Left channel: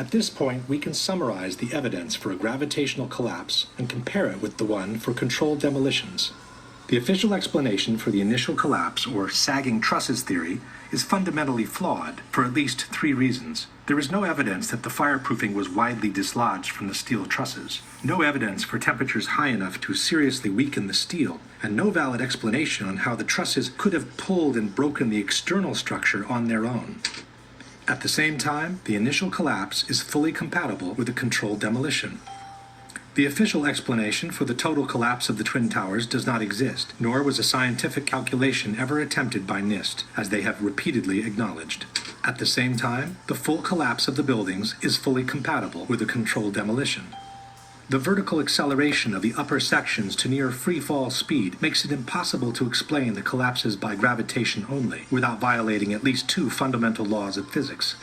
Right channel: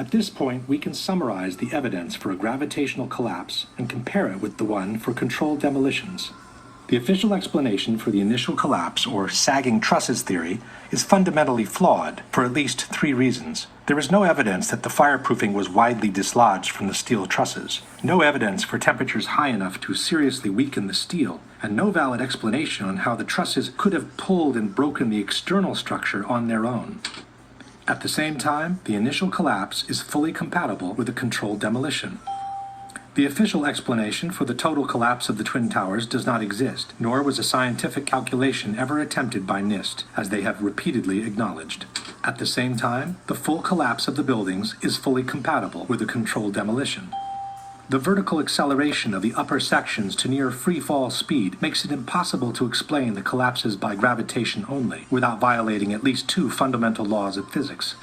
At this point, we can summarize the evidence for a gravitational collapse and compare it with the one for controlled demolitions. The official explanation for the initial collapse, or sagging trusses theory, is fundamentally flawed for at least 3 reasons. There is no evidence that the fireproofing was widely dislodged from the steel trusses, no evidence for temperatures high enough to seriously weaken the steel, and no valid explanation on how the trusses could have pulled and broken the external structure on their own. At the same time, the initial collapse is fully compatible with a controlled demolition. The official explanation for the total collapse of the Twin Towers does not exist, nor was a scientific calculation ever attempted by NIST, as they have repeatedly acknowledged. At the same time, the full collapse of the buildings is fully compatible with a controlled demolition. The vertical acceleration of the upper sections to near free-fall speed makes it impossible to explain the collapses by gravitation only, without violating at least 2 fundamental laws of physics.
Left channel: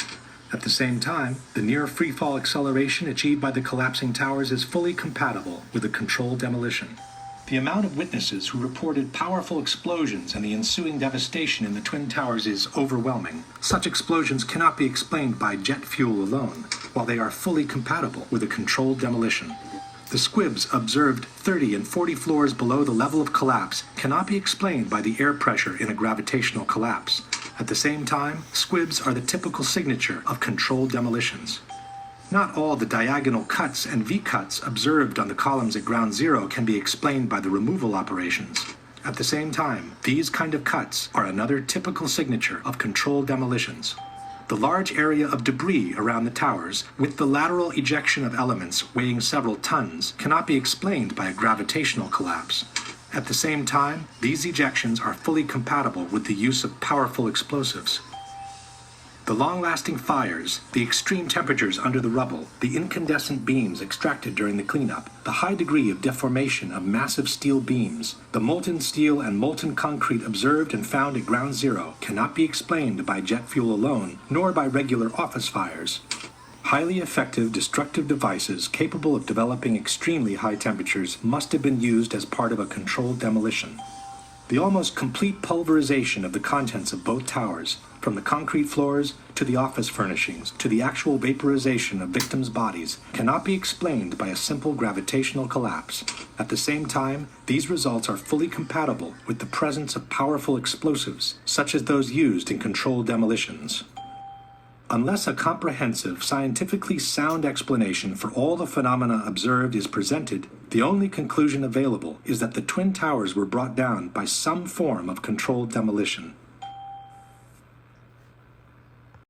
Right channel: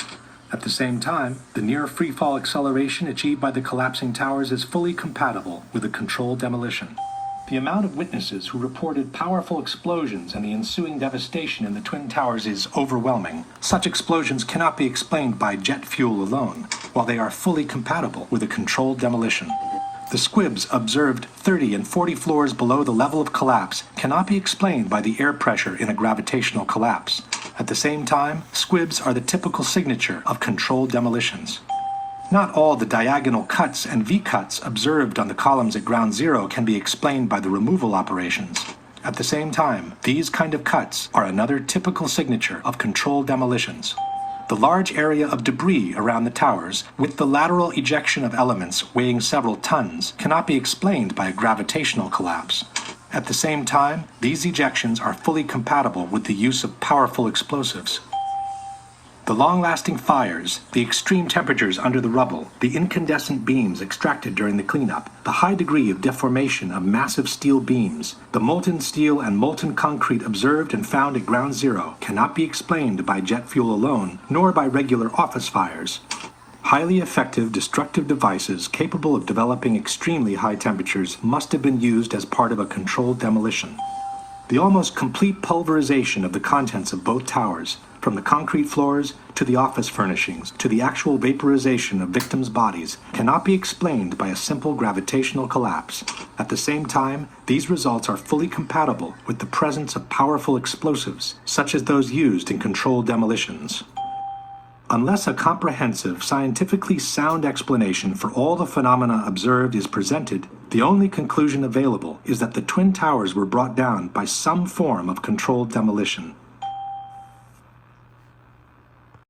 At the same time, the near free-fall acceleration achieved by the collapsing towers is fully compatible with a controlled demolition. The amount of witnesses who reported powerful explosions and the ensuing devastation in the Twin Towers is overwhelming. Such explosions cannot be explained by jet fuel alone, while they are fully compatible with a controlled demolition. The squibs observed 30 and 40 floors below the level of collapse cannot be explained by the air pressure in a gravitational collapse. At the same time, squibs are the typical signature of controlled demolitions. Not all the diagonal cuts and V-cuts observed on the columns at ground zero can be explained by the removal operations. At the same time, these kind of cuts are another typical signature of controlled demolitions. The large area of debris around the towers, with the lateral ejection of elements weighing several tons, cannot be explained by a gravitational collapse. At the same time, these ejections are fully compatible with the use of powerful explosives. The long-lasting fires, the extreme temperatures under the rubble, the incandescent beams extracted during the cleanup, the high degree of deformation of massive steel beams, the molten steel and molten concrete observed and found at ground zero cannot be explained by jet fuel alone, nor by regular office fires. Highly effective destructive devices capable of developing extremely high temperatures must have been used as part of a controlled demolition. The almost complete pulverization of the contents of both towers, from the concrete floors to the office furnishings to the actual vaporization of victims' bodies, cannot be explained by a simple gravitational collapse. At the same time, these results are fully compatible with the presence of powerful explosives, such as those used in controlled demolitions. Unless a comprehensive, scientifically sound explanation for all the phenomena observed is presented, the only conclusion available is that the Twin Towers were brought down by some form of controlled demolition.